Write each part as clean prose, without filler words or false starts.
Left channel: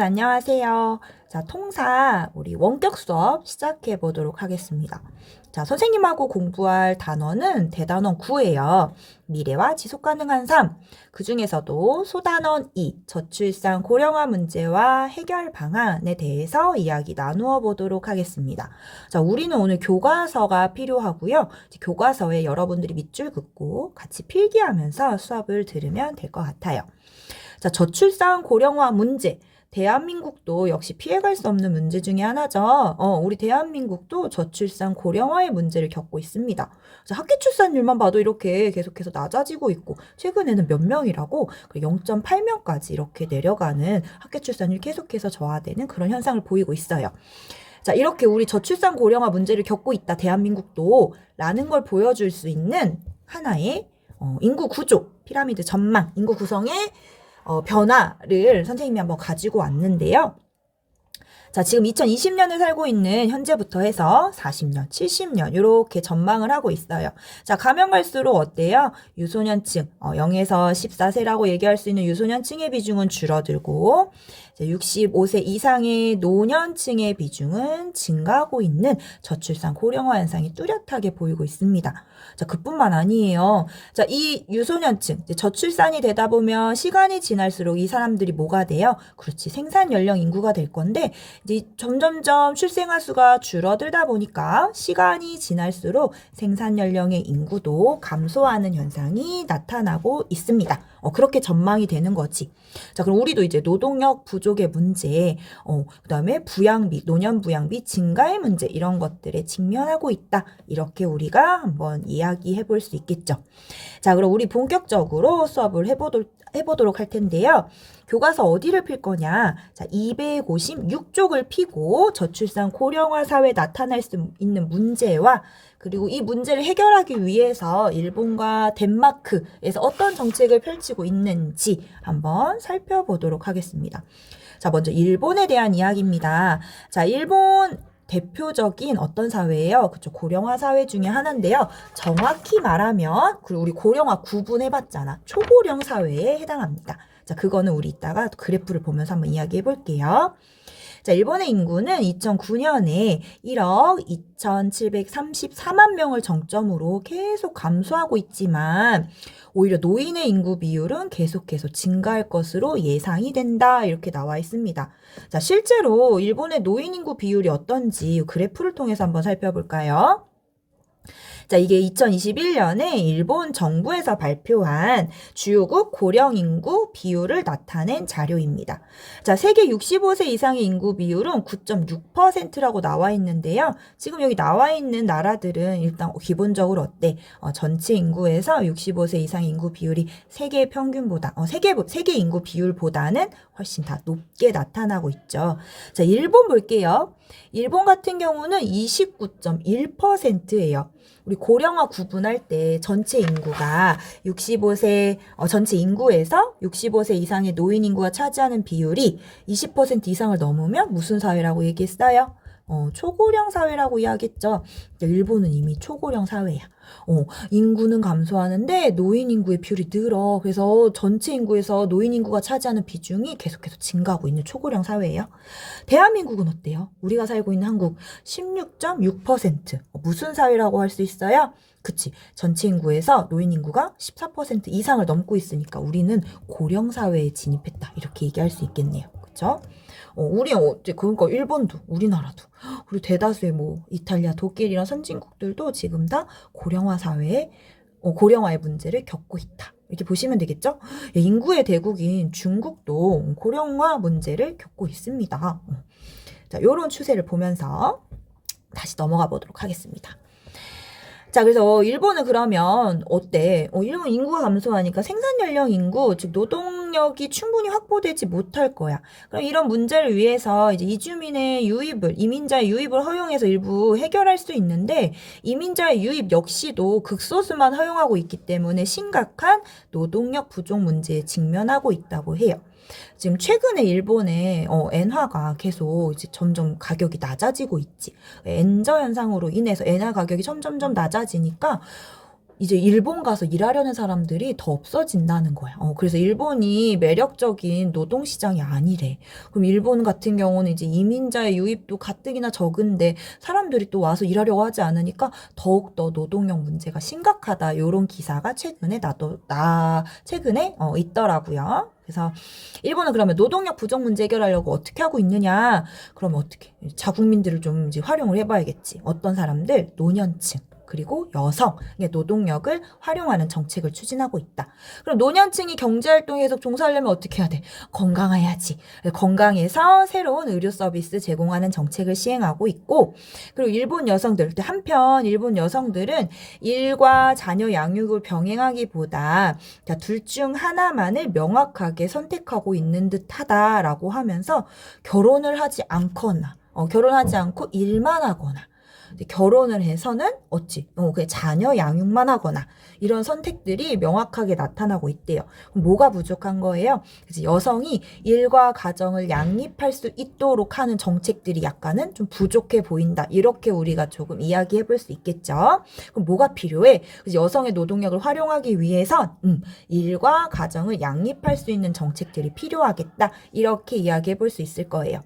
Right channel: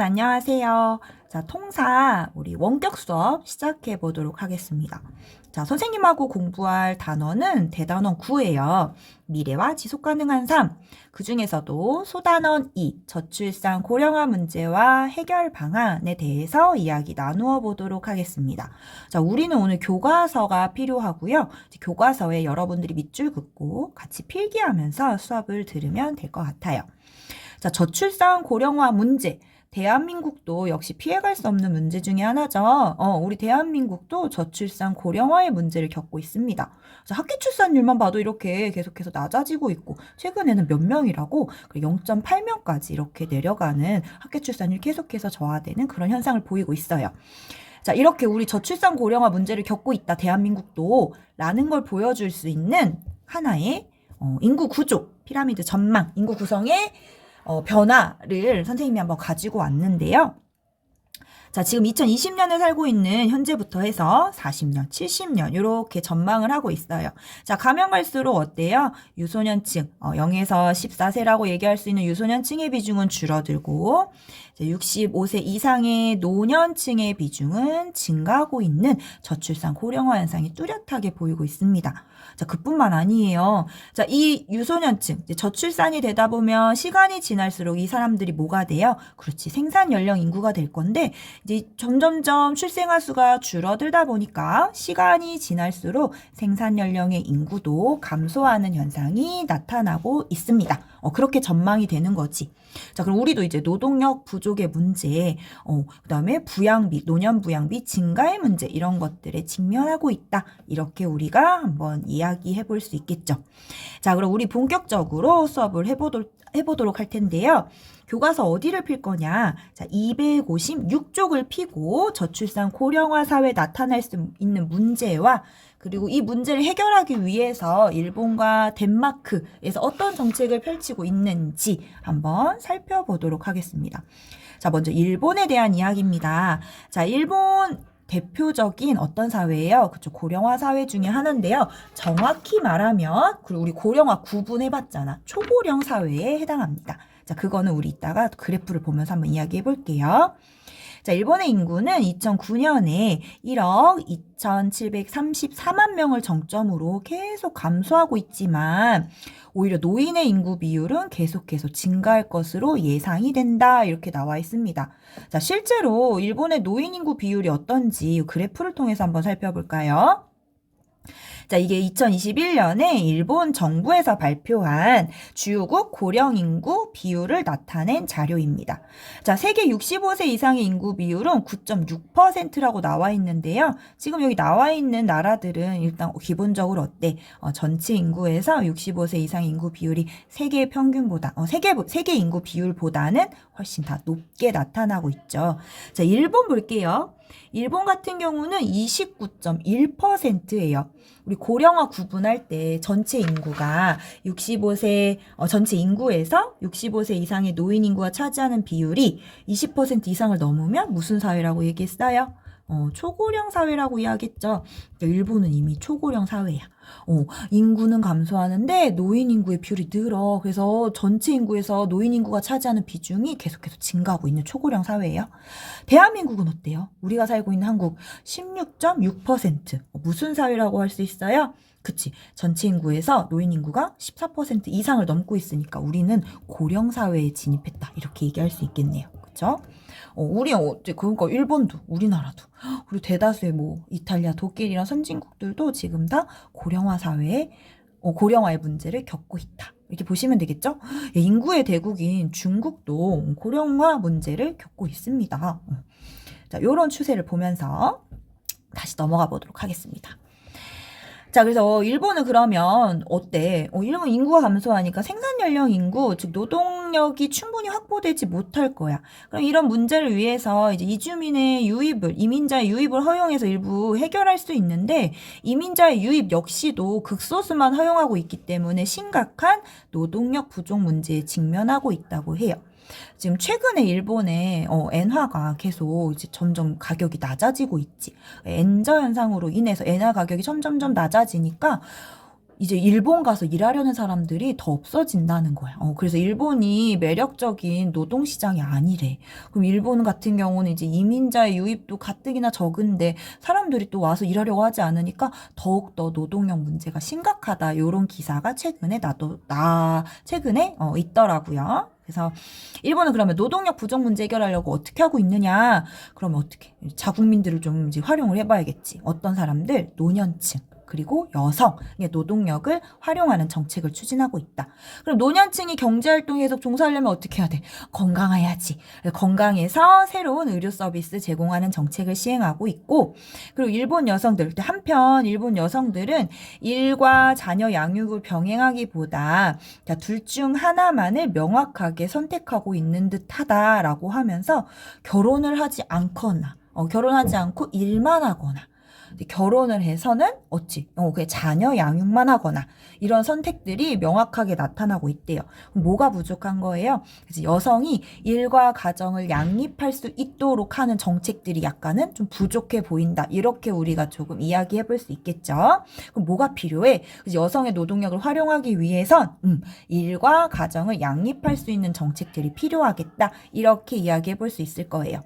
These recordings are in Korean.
안녕하세요. 자, 통사 우리 원격 수업 시작해 보도록 하겠습니다. 자, 선생님하고 공부할 단어는 대단원 9예요. 미래와 지속 가능한 삶. 그 중에서도 소단원 2, 저출산 고령화 문제와 해결 방안에 대해서 이야기 나누어 보도록 하겠습니다. 자, 우리는 오늘 교과서가 필요하고요. 교과서에 여러분들이 밑줄 긋고 같이 필기하면서 수업을 들으면 될 것 같아요. 자, 저출산 고령화 문제. 대한민국도 역시 피해갈 수 없는 문제 중에 하나죠. 우리 대한민국도 저출산 고령화의 문제를 겪고 있습니다. 학기 출산율만 봐도 이렇게 계속해서 낮아지고 있고, 최근에는 몇 명이라고 0.8명까지 이렇게 내려가는 학기 출산율 계속해서 저하되는 그런 현상을 보이고 있어요. 자, 이렇게 우리 저출산 고령화 문제를 겪고 있다, 대한민국도 라는 걸 보여줄 수 있는 하나의 인구 구조, 피라미드 전망, 인구 구성의 변화를 선생님이 한번 가지고 왔는데요. 자, 지금 2020년에 살고 있는 현재부터 해서 40년, 70년 이렇게 전망을 하고 있어요. 자, 가면 갈수록 어때요? 유소년층, 0에서 14세라고 얘기할 수 있는 유소년층의 비중은 줄어들고 65세 이상의 노년층의 비중은 증가하고 있는 저출산 고령화 현상이 뚜렷하게 보이고 있습니다. 자, 그뿐만 아니에요. 자, 이 유소년층, 저출산이 되다 보면 시간이 지날수록 이 사람들이 뭐가 돼요? 그렇지, 생산 연령 인구가 될 건데, 이제 점점점 출생아 수가 줄어들다 보니까 시간이 지날수록 생산 연령의 인구도 감소하는 현상이 나타나고 있습니다. 그렇게 전망이 되는 거지. 자, 그럼 우리도 이제 노동력 부족의 문제, 그 다음에 부양비, 노년 부양비 증가의 문제, 이런 것들에 직면하고 있다. 이렇게 우리가 한번 이야기해 볼 수 있겠죠. 자, 그럼 우리 본격적으로 수업을 해보도록 할 텐데요. 교과서 어디를 필 거냐? 자, 256쪽을 피고 저출산 고령화 사회에 나타날 수 있는 문제와 그리고 이 문제를 해결하기 위해서 일본과 덴마크에서 어떤 정책을 펼치고 있는지 한번 살펴보도록 하겠습니다. 자, 먼저 일본에 대한 이야기입니다. 자, 일본 대표적인 어떤 사회예요? 그쵸, 고령화 사회 중에 하나인데요. 정확히 말하면, 그리고 우리 고령화 구분해봤잖아. 초고령 사회에 해당합니다. 자, 그거는 우리 이따가 그래프를 보면서 한번 이야기해 볼게요. 자, 일본의 인구는 2009년에 1억 2,734만 명을 정점으로 계속 감소하고 있지만 오히려 노인의 인구 비율은 계속해서 증가할 것으로 예상이 된다. 이렇게 나와 있습니다. 자, 실제로 일본의 노인 인구 비율이 어떤지 그래프를 통해서 한번 살펴볼까요? 자, 이게 2021년에 일본 정부에서 발표한 주요국 고령 인구 비율을 나타낸 자료입니다. 자, 세계 65세 이상의 인구 비율은 9.6%라고 나와 있는데요. 지금 여기 나와 있는 나라들은 일단 기본적으로 어때? 전체 인구에서 65세 이상의 인구 비율이 세계 평균보다, 세계 인구 비율보다는 훨씬 다 높게 나타나고 있죠. 자, 일본 볼게요. 일본 같은 경우는 29.1%예요. 우리 고령화 구분할 때 전체 인구가 65세, 전체 인구에서 65세 이상의 노인 인구가 차지하는 비율이 20% 이상을 넘으면 무슨 사회라고 얘기했어요? 초고령 사회라고 이야기했죠. 일본은 이미 초고령 사회야. 인구는 감소하는데 노인 인구의 비율이 늘어. 그래서 전체 인구에서 노인 인구가 차지하는 비중이 계속해서 증가하고 있는 초고령 사회예요. 대한민국은 어때요? 우리가 살고 있는 한국 16.6%. 무슨 사회라고 할 수 있어요? 그치. 전체 인구에서 노인 인구가 14% 이상을 넘고 있으니까 우리는 고령 사회에 진입했다. 이렇게 얘기할 수 있겠네요. 그쵸? 그러니까 일본도, 우리나라도, 그리고 대다수의 이탈리아, 독일 이런 선진국들도 지금 다 고령화 사회에, 고령화의 문제를 겪고 있다. 이렇게 보시면 되겠죠? 인구의 대국인 중국도 고령화 문제를 겪고 있습니다. 자, 요런 추세를 보면서 다시 넘어가 보도록 하겠습니다. 자, 그래서 일본은 그러면 어때? 일본 인구가 감소하니까 생산 연령 인구, 즉 노동력이 충분히 확보되지 못할 거야. 그럼 이런 문제를 위해서 이제 이민자의 유입을 허용해서 일부 해결할 수 있는데 이민자의 유입 역시도 극소수만 허용하고 있기 때문에 심각한 노동력 부족 문제에 직면하고 있다고 해요. 지금 최근에 일본의 엔화가 계속 이제 점점 가격이 낮아지고 있지. 엔저 현상으로 인해서 엔화 가격이 점점점 낮아지니까 이제 일본 가서 일하려는 사람들이 더 없어진다는 거야. 그래서 일본이 매력적인 노동시장이 아니래. 그럼 일본 같은 경우는 이제 이민자의 유입도 가뜩이나 적은데 사람들이 또 와서 일하려고 하지 않으니까 더욱더 노동력 문제가 심각하다. 이런 기사가 최근에 최근에 있더라고요. 그래서 일본은 그러면 노동력 부족 문제 해결하려고 어떻게 하고 있느냐? 그러면 어떻게? 자국민들을 좀 이제 활용을 해봐야겠지. 어떤 사람들? 노년층. 그리고 여성의 노동력을 활용하는 정책을 추진하고 있다. 그럼 노년층이 경제활동에 계속 종사하려면 어떻게 해야 돼? 건강해야지. 건강해서 새로운 의료 서비스 제공하는 정책을 시행하고 있고, 그리고 일본 여성들, 한편 일본 여성들은 일과 자녀 양육을 병행하기보다 둘 중 하나만을 명확하게 선택하고 있는 듯하다라고 하면서 결혼하지 않고 일만 하거나 결혼을 해서는 그냥 자녀 양육만 하거나 이런 선택들이 명확하게 나타나고 있대요. 뭐가 부족한 거예요? 그래서 여성이 일과 가정을 양립할 수 있도록 하는 정책들이 약간은 좀 부족해 보인다. 이렇게 우리가 조금 이야기해 볼 수 있겠죠. 그럼 뭐가 필요해? 그래서 여성의 노동력을 활용하기 위해선 일과 가정을 양립할 수 있는 정책들이 필요하겠다. 이렇게 이야기해 볼 수 있을 거예요.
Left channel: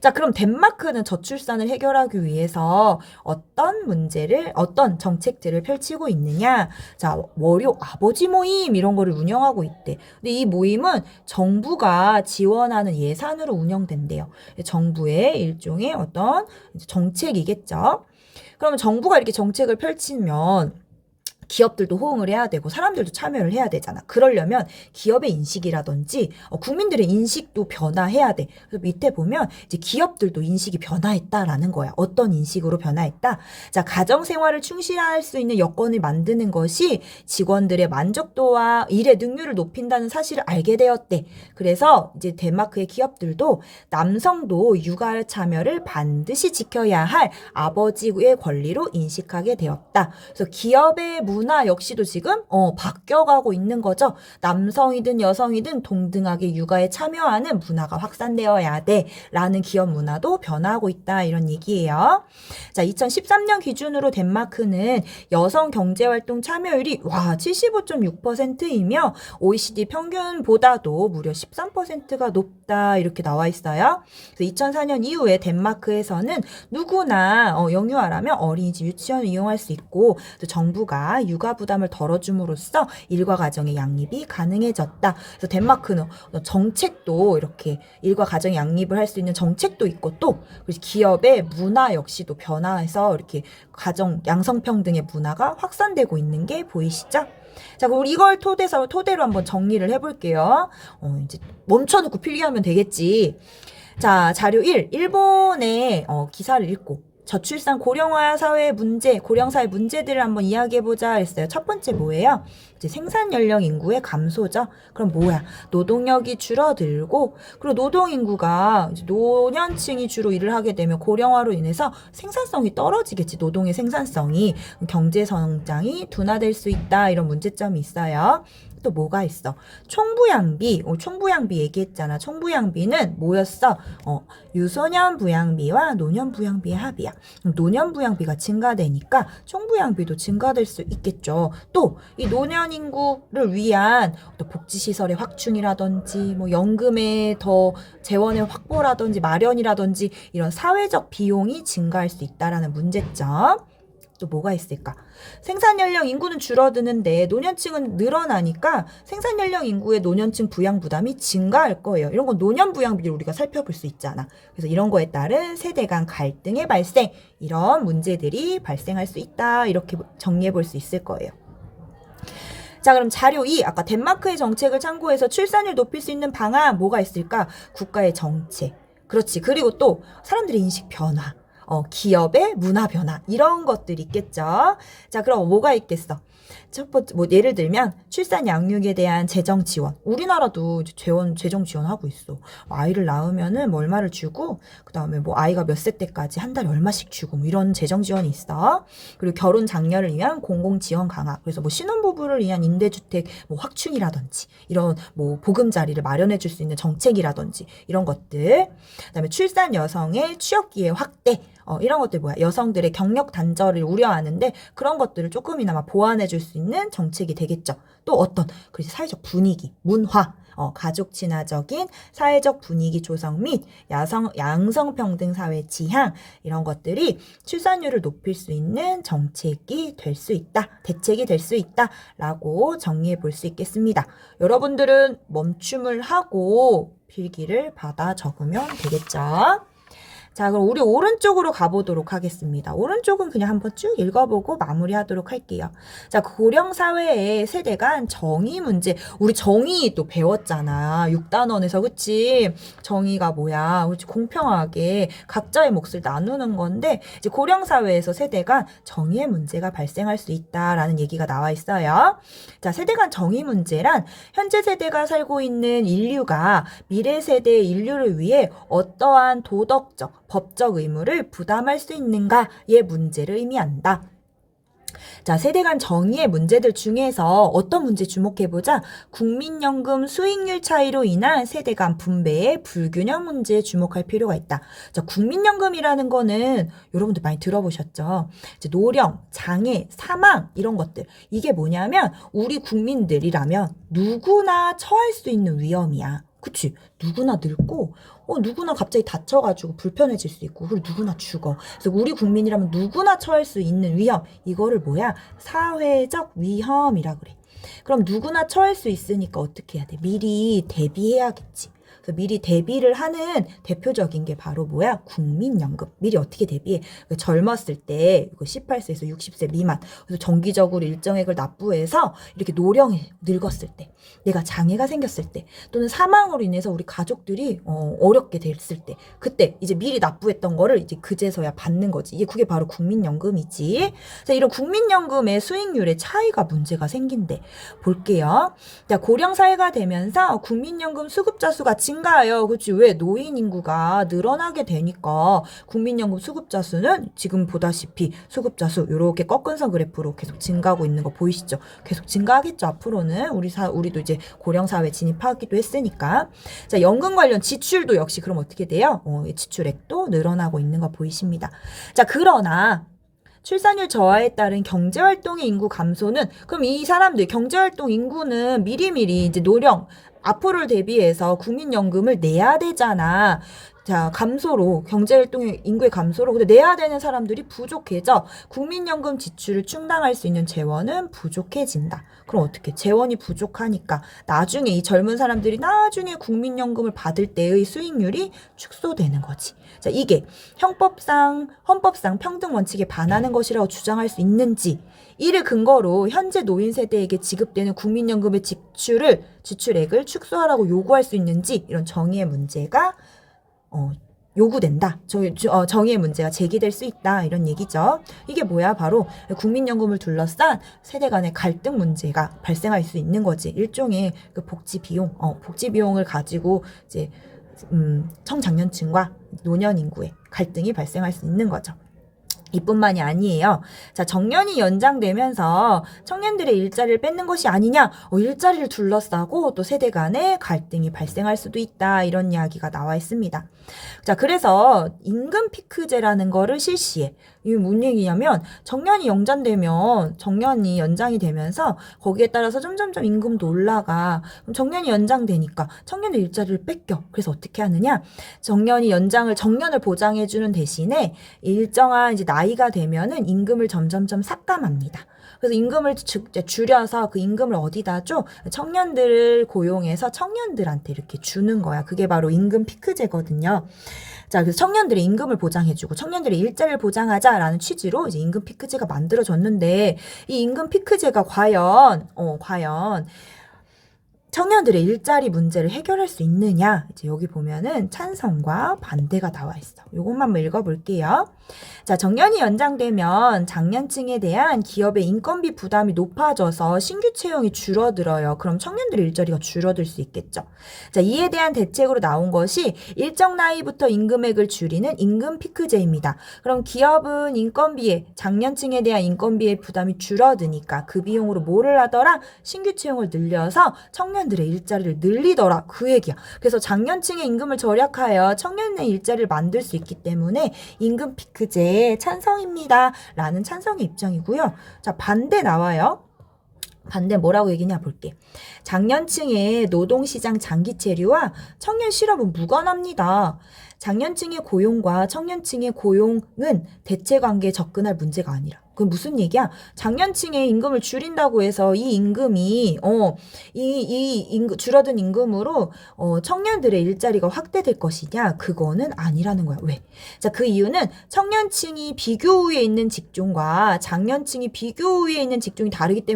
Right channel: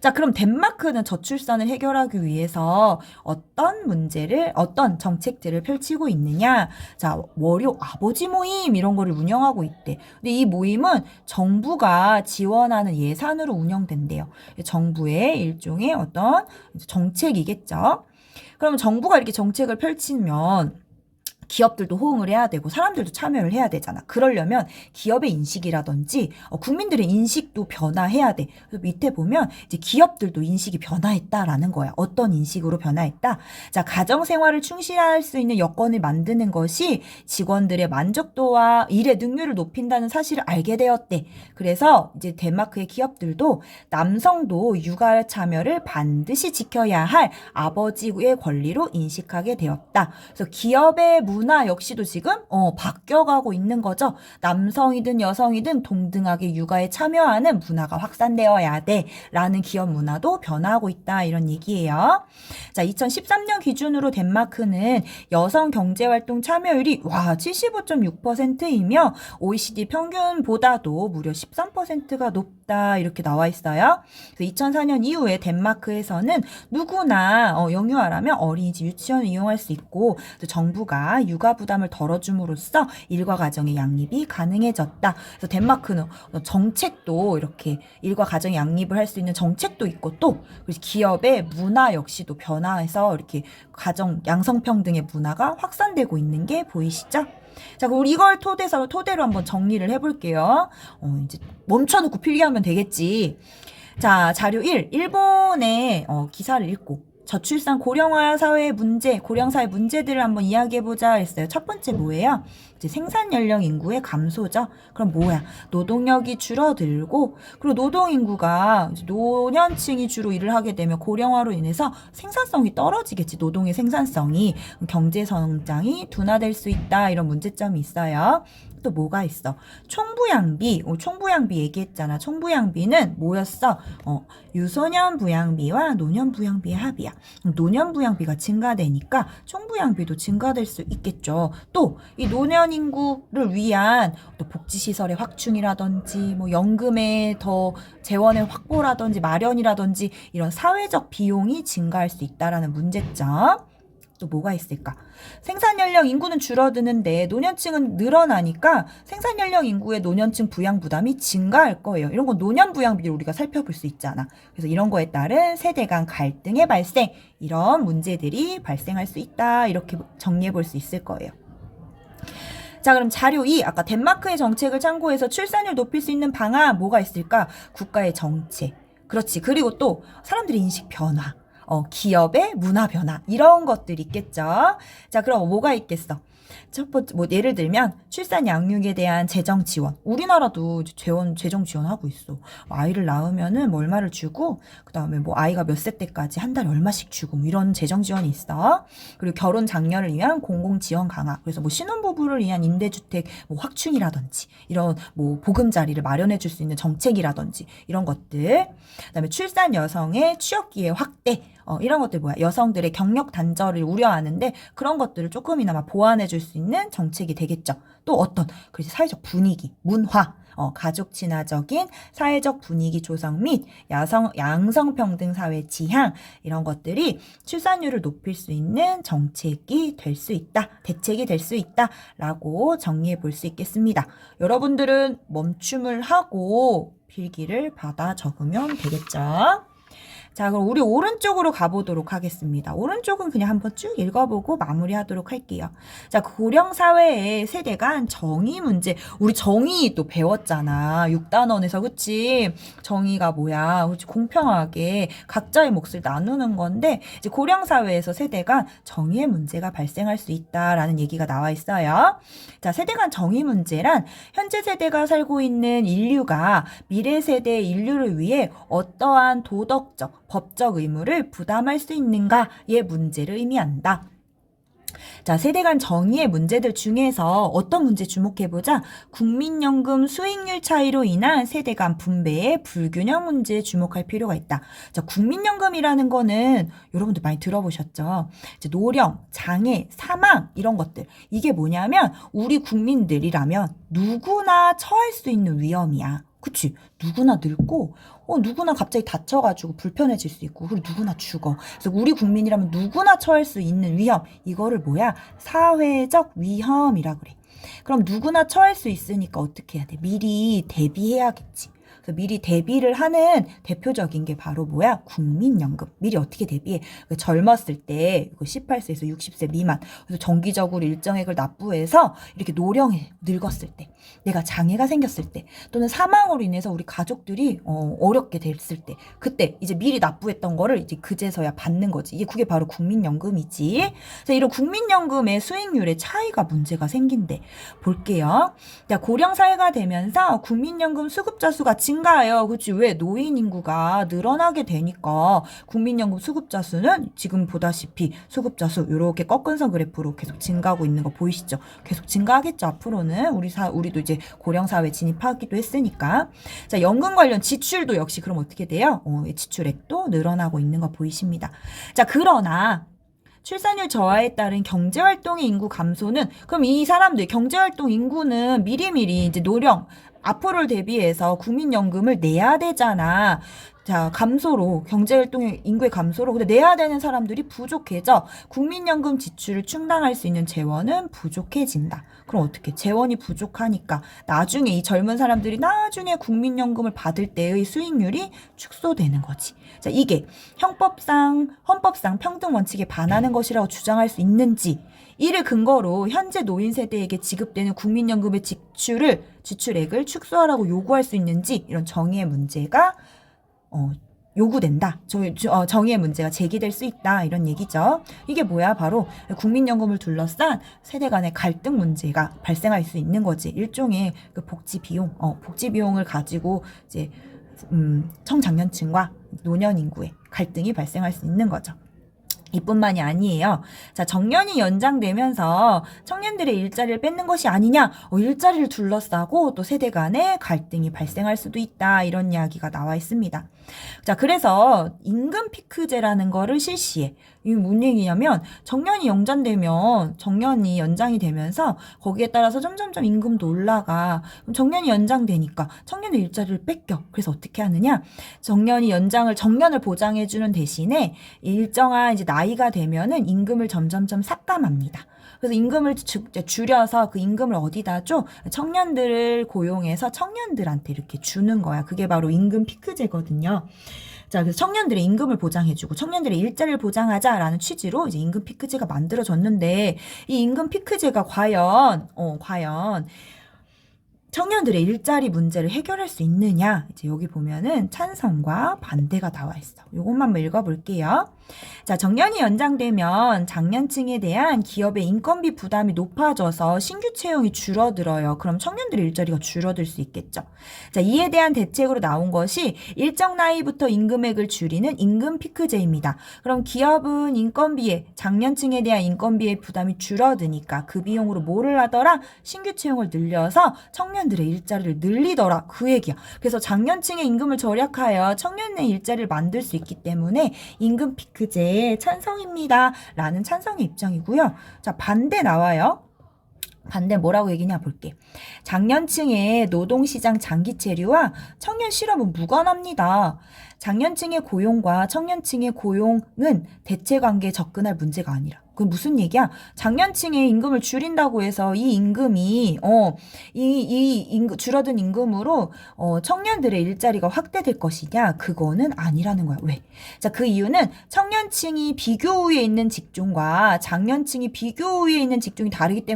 자, 그럼 덴마크는 저출산을 해결하기 위해서 어떤 정책들을 펼치고 있느냐? 자, 월요 아버지 모임 이런 거를 운영하고 있대. 근데 이 모임은 정부가 지원하는 예산으로 운영된대요. 정부의 일종의 어떤 정책이겠죠. 그러면 정부가 이렇게 정책을 펼치면 기업들도 호응을 해야 되고 사람들도 참여를 해야 되잖아. 그러려면 기업의 인식이라든지 국민들의 인식도 변화해야 돼. 그래서 밑에 보면 이제 기업들도 인식이 변화했다라는 거야. 어떤 인식으로 변화했다? 자, 가정생활을 충실할 수 있는 여건을 만드는 것이 직원들의 만족도와 일의 능률을 높인다는 사실을 알게 되었대. 그래서 이제 덴마크의 기업들도 남성도 육아 참여를 반드시 지켜야 할 아버지의 권리로 인식하게 되었다. 그래서 기업의 문화 역시도 지금 바뀌어가고 있는 거죠. 남성이든 여성이든 동등하게 육아에 참여하는 문화가 확산되어야 돼 라는 기업 문화도 변화하고 있다 이런 얘기예요. 자, 2013년 기준으로 덴마크는 여성 경제활동 참여율이 75.6%이며 OECD 평균보다도 무려 13%가 높다 이렇게 나와 있어요. 2004년 이후에 덴마크에서는 누구나 영유아라면 어린이집 유치원을 이용할 수 있고 정부가 육아 부담을 덜어줌으로써 일과 가정의 양립이 가능해졌다. 그래서 덴마크는 정책도 이렇게 일과 가정의 양립을 할 수 있는 정책도 있고 또 기업의 문화 역시도 변화해서 이렇게 가정 양성평등의 문화가 확산되고 있는 게 보이시죠? 자, 그럼 우리 이걸 토대로 한번 정리를 해볼게요. 이제 멈춰놓고 필기하면 되겠지. 자, 자료 1. 일본의 기사를 읽고 저출산 고령화 사회의 문제, 고령사회 문제들을 한번 이야기해보자 했어요. 첫 번째 뭐예요? 이제 생산 연령 인구의 감소죠. 그럼 뭐야? 노동력이 줄어들고, 그리고 노동 인구가 노년층이 주로 일을 하게 되면 고령화로 인해서 생산성이 떨어지겠지. 노동의 생산성이. 경제 성장이 둔화될 수 있다. 이런 문제점이 있어요. 또 뭐가 있어? 총부양비. 총부양비 얘기했잖아. 총부양비는 뭐였어? 유소년 부양비와 노년 부양비의 합이야. 노년 부양비가 증가되니까 총부양비도 증가될 수 있겠죠. 또 이 노년 인구를 위한 또 복지시설의 확충이라든지 뭐 연금의 더 재원의 확보라든지 마련이라든지 이런 사회적 비용이 증가할 수 있다라는 문제점. 또 뭐가 있을까? 생산연령 인구는 줄어드는데 노년층은 늘어나니까 생산연령 인구의 노년층 부양 부담이 증가할 거예요. 이런 건 노년 부양비를 우리가 살펴볼 수 있잖아. 그래서 이런 거에 따른 세대 간 갈등의 발생, 이런 문제들이 발생할 수 있다. 이렇게 정리해 볼 수 있을 거예요. 자, 그럼 자료 2. 아까 덴마크의 정책을 참고해서 출산율 높일 수 있는 방안 뭐가 있을까? 국가의 정책. 그렇지. 그리고 또 사람들의 인식 변화. 기업의 문화 변화 이런 것들이 있겠죠. 자, 그럼 뭐가 있겠어? 첫 번째, 뭐 예를 들면 출산 양육에 대한 재정 지원. 우리나라도 재정 지원하고 있어. 아이를 낳으면은 뭐 얼마를 주고, 그 다음에 뭐 아이가 몇 세 때까지 한 달에 얼마씩 주고, 뭐 이런 재정 지원이 있어. 그리고 결혼 장려를 위한 공공 지원 강화. 그래서 뭐 신혼부부를 위한 임대주택 뭐 확충이라든지, 이런 뭐 보금자리를 마련해 줄 수 있는 정책이라든지 이런 것들. 그다음에 출산 여성의 취업 기회 확대. 이런 것들 뭐야? 여성들의 경력 단절을 우려하는데 그런 것들을 조금이나마 보완해 줄 수 있는 정책이 되겠죠. 또 어떤 그래서 사회적 분위기, 문화, 가족 친화적인 사회적 분위기 조성 및 양성평등 사회 지향 이런 것들이 출산율을 높일 수 있는 정책이 될 수 있다. 대책이 될 수 있다라고 정리해 볼 수 있겠습니다. 여러분들은 멈춤을 하고 필기를 받아 적으면 되겠죠. 자, 그럼 우리 오른쪽으로 가보도록 하겠습니다. 오른쪽은 그냥 한번 쭉 읽어보고 마무리하도록 할게요. 자, 고령 사회의 세대 간 정의 문제. 우리 정의 또 배웠잖아. 6단원에서, 그치? 정의가 뭐야? 그치? 공평하게 각자의 몫을 나누는 건데, 이제 고령 사회에서 세대 간 정의의 문제가 발생할 수 있다라는 얘기가 나와 있어요. 자, 세대 간 정의 문제란 현재 세대가 살고 있는 인류가 미래 세대의 인류를 위해 어떠한 도덕적, 법적 의무를 부담할 수 있는가의 문제를 의미한다. 자, 세대 간 정의의 문제들 중에서 어떤 문제 주목해보자. 국민연금 수익률 차이로 인한 세대 간 분배의 불균형 문제에 주목할 필요가 있다. 자, 국민연금이라는 거는 여러분들 많이 들어보셨죠? 이제 노령, 장애, 사망 이런 것들. 이게 뭐냐면 우리 국민들이라면 누구나 처할 수 있는 위험이야. 그치? 누구나 늙고 누구나 갑자기 다쳐가지고 불편해질 수 있고 그리고 누구나 죽어. 그래서 우리 국민이라면 누구나 처할 수 있는 위험 이거를 뭐야? 사회적 위험이라 그래. 그럼 누구나 처할 수 있으니까 어떻게 해야 돼? 미리 대비해야겠지. 그래서 미리 대비를 하는 대표적인 게 바로 뭐야? 국민연금. 미리 어떻게 대비해? 젊었을 때 18세에서 60세 미만 그래서 정기적으로 일정액을 납부해서 이렇게 노령에 늙었을 때 내가 장애가 생겼을 때 또는 사망으로 인해서 우리 가족들이 어렵게 됐을 때 그때 이제 미리 납부했던 거를 이제 그제서야 받는 거지. 이게 그게 바로 국민연금이지. 그래서 이런 국민연금의 수익률의 차이가 문제가 생긴대. 볼게요. 자, 고령 사회가 되면서 국민연금 수급자 수가 증가해요. 그렇지? 왜? 노인 인구가 늘어나게 되니까 국민연금 수급자 수는 지금 보다시피 수급자 수 이렇게 꺾은선 그래프로 계속 증가하고 있는 거 보이시죠? 계속 증가하겠죠. 앞으로는 우리도 이제 고령 사회 진입하기도 했으니까. 자, 연금 관련 지출도 역시 그럼 어떻게 돼요? 지출액도 늘어나고 있는 거 보이십니다. 자, 그러나 출산율 저하에 따른 경제활동의 인구 감소는 그럼 이 사람들 경제활동 인구는 미리미리 이제 노령 앞으로를 대비해서 국민연금을 내야 되잖아. 자, 감소로 경제활동의 인구의 감소로 근데 내야 되는 사람들이 부족해져 국민연금 지출을 충당할 수 있는 재원은 부족해진다. 그럼 어떻게? 재원이 부족하니까 나중에 이 젊은 사람들이 나중에 국민연금을 받을 때의 수익률이 축소되는 거지. 자, 이게 헌법상 평등 원칙에 반하는 것이라고 주장할 수 있는지 이를 근거로 현재 노인 세대에게 지급되는 국민연금의 지출액을 축소하라고 요구할 수 있는지 이런 정의의 문제가 요구된다. 정의의 문제가 제기될 수 있다. 이런 얘기죠. 이게 뭐야? 바로 국민연금을 둘러싼 세대 간의 갈등 문제가 발생할 수 있는 거지. 일종의 그 복지 비용을 가지고 이제 청장년층과 노년 인구의 갈등이 발생할 수 있는 거죠. 이뿐만이 아니에요. 자, 정년이 연장되면서 청년들의 일자리를 뺏는 것이 아니냐, 일자리를 둘러싸고 또 세대 간의 갈등이 발생할 수도 있다. 이런 이야기가 나와 있습니다. 자, 그래서 임금 피크제라는 거를 실시해. 이게 뭔 얘기냐면 정년이 연장이 되면서 거기에 따라서 점점점 임금도 올라가. 그럼 정년이 연장되니까 청년의 일자리를 뺏겨. 그래서 어떻게 하느냐? 정년을 보장해주는 대신에 일정한 이제 나이가 되면은 임금을 점점점 삭감합니다. 그래서 임금을 줄여서 그 임금을 어디다 줘? 청년들을 고용해서 청년들한테 이렇게 주는 거야. 그게 바로 임금 피크제거든요. 자, 그래서 청년들의 임금을 보장해주고 청년들의 일자리를 보장하자라는 취지로 이제 임금 피크제가 만들어졌는데 이 임금 피크제가 과연 청년들의 일자리 문제를 해결할 수 있느냐? 이제 여기 보면은 찬성과 반대가 나와 있어. 요것만 한번 읽어볼게요. 자, 정년이 연장되면 장년층에 대한 기업의 인건비 부담이 높아져서 신규 채용이 줄어들어요. 그럼 청년들의 일자리가 줄어들 수 있겠죠. 자, 이에 대한 대책으로 나온 것이 일정 나이부터 임금액을 줄이는 임금 피크제입니다. 그럼 기업은 장년층에 대한 인건비의 부담이 줄어드니까 그 비용으로 뭐를 하더라? 신규 채용을 늘려서 청년들의 일자리를 늘리더라. 그 얘기야. 그래서 장년층의 임금을 절약하여 청년의 일자리를 만들 수 있기 때문에 임금 피크 피크제 찬성입니다. 라는 찬성의 입장이고요. 자, 반대 나와요. 반대 뭐라고 얘기냐 볼게. 장년층의 노동시장 장기 체류와 청년 실업은 무관합니다. 장년층의 고용과 청년층의 고용은 대체관계에 접근할 문제가 아니라. 그 무슨 얘기야? 장년층의 임금을 줄인다고 해서 이 임금이 줄어든 임금으로 청년들의 일자리가 확대될 것이냐? 그거는 아니라는 거야. 왜? 자, 그 이유는 청년층이 비교 우위에 있는 직종과 장년층이 비교 우위에 있는 직종이 다르기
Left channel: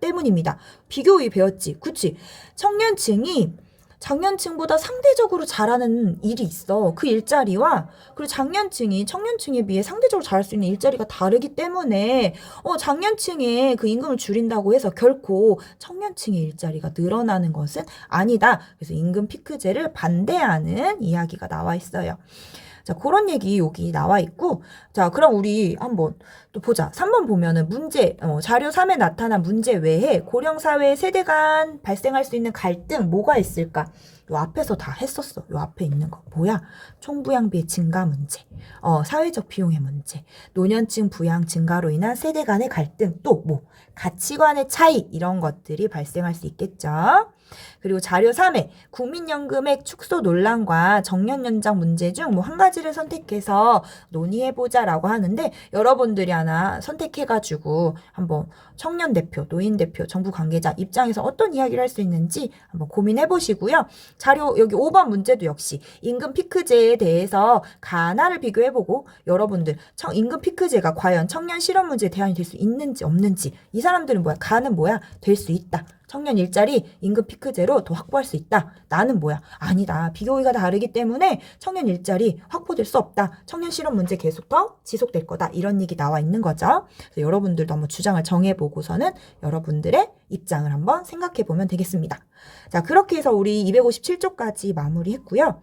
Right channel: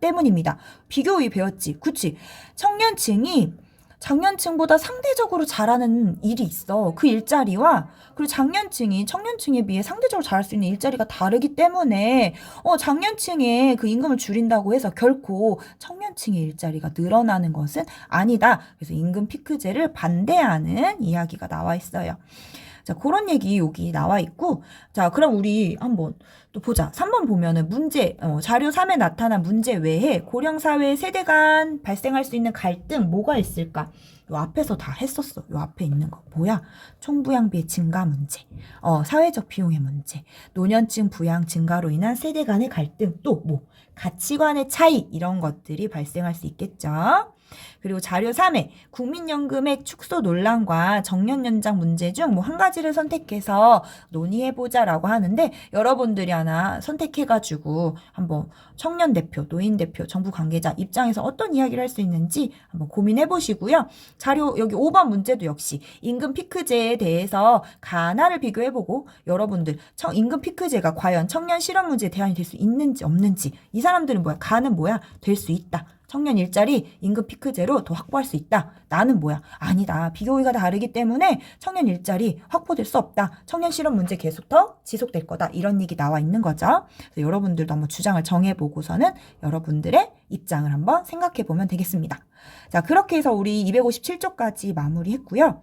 때문입니다. 비교 우위 배웠지? 그치? 청년층이 장년층보다 상대적으로 잘하는 일이 있어. 그 일자리와 그리고 장년층이 청년층에 비해 상대적으로 잘할 수 있는 일자리가 다르기 때문에 장년층의 그 임금을 줄인다고 해서 결코 청년층의 일자리가 늘어나는 것은 아니다. 그래서 임금 피크제를 반대하는 이야기가 나와 있어요. 자, 그런 얘기 여기 나와 있고, 자, 그럼 우리 한번 또 보자. 3번 보면은 문제, 자료 3에 나타난 문제 외에 고령사회 세대 간 발생할 수 있는 갈등 뭐가 있을까? 요 앞에서 다 했었어. 요 앞에 있는 거. 뭐야? 총부양비의 증가 문제, 사회적 비용의 문제, 노년층 부양 증가로 인한 세대 간의 갈등, 또 뭐? 가치관의 차이, 이런 것들이 발생할 수 있겠죠. 그리고 자료 3에 국민연금액 축소 논란과 정년 연장 문제 중 뭐 한 가지를 선택해서 논의해보자라고 하는데 여러분들이 하나 선택해가지고 한번 청년 대표, 노인 대표, 정부 관계자 입장에서 어떤 이야기를 할 수 있는지 한번 고민해보시고요. 자료 여기 5번 문제도 역시 임금 피크제에 대해서 가나를 비교해보고 여러분들 임금 피크제가 과연 청년 실업 문제에 대안이 될 수 있는지 없는지 이 사람들은 뭐야? 가는 뭐야? 될 수 있다. 청년 일자리 임금 피크제로 더 확보할 수 있다. 나는 뭐야? 아니다. 비교의가 다르기 때문에 청년 일자리 확보될 수 없다. 청년 실업 문제 계속 더 지속될 거다. 이런 얘기 나와 있는 거죠. 그래서 여러분들도 한번 주장을 정해보고서는 여러분들의 입장을 한번 생각해보면 되겠습니다. 자, 그렇게 해서 우리 257쪽까지 마무리했고요.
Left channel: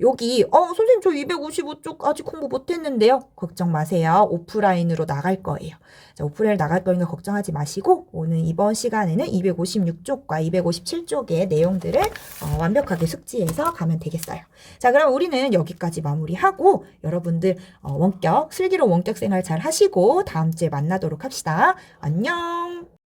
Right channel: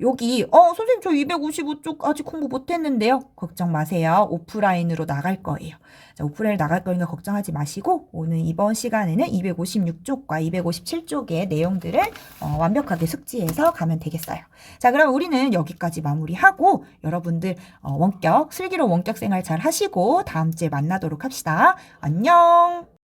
여기 선생님 저 255쪽 아직 공부 못했는데요. 걱정 마세요. 오프라인으로 나갈 거예요. 자, 오프라인 나갈 거니까 걱정하지 마시고 오늘 이번 시간에는 256쪽과 257쪽의 내용들을 완벽하게 숙지해서 가면 되겠어요. 자, 그럼 우리는 여기까지 마무리하고 여러분들 슬기로운 원격 생활 잘 하시고 다음 주에 만나도록 합시다. 안녕.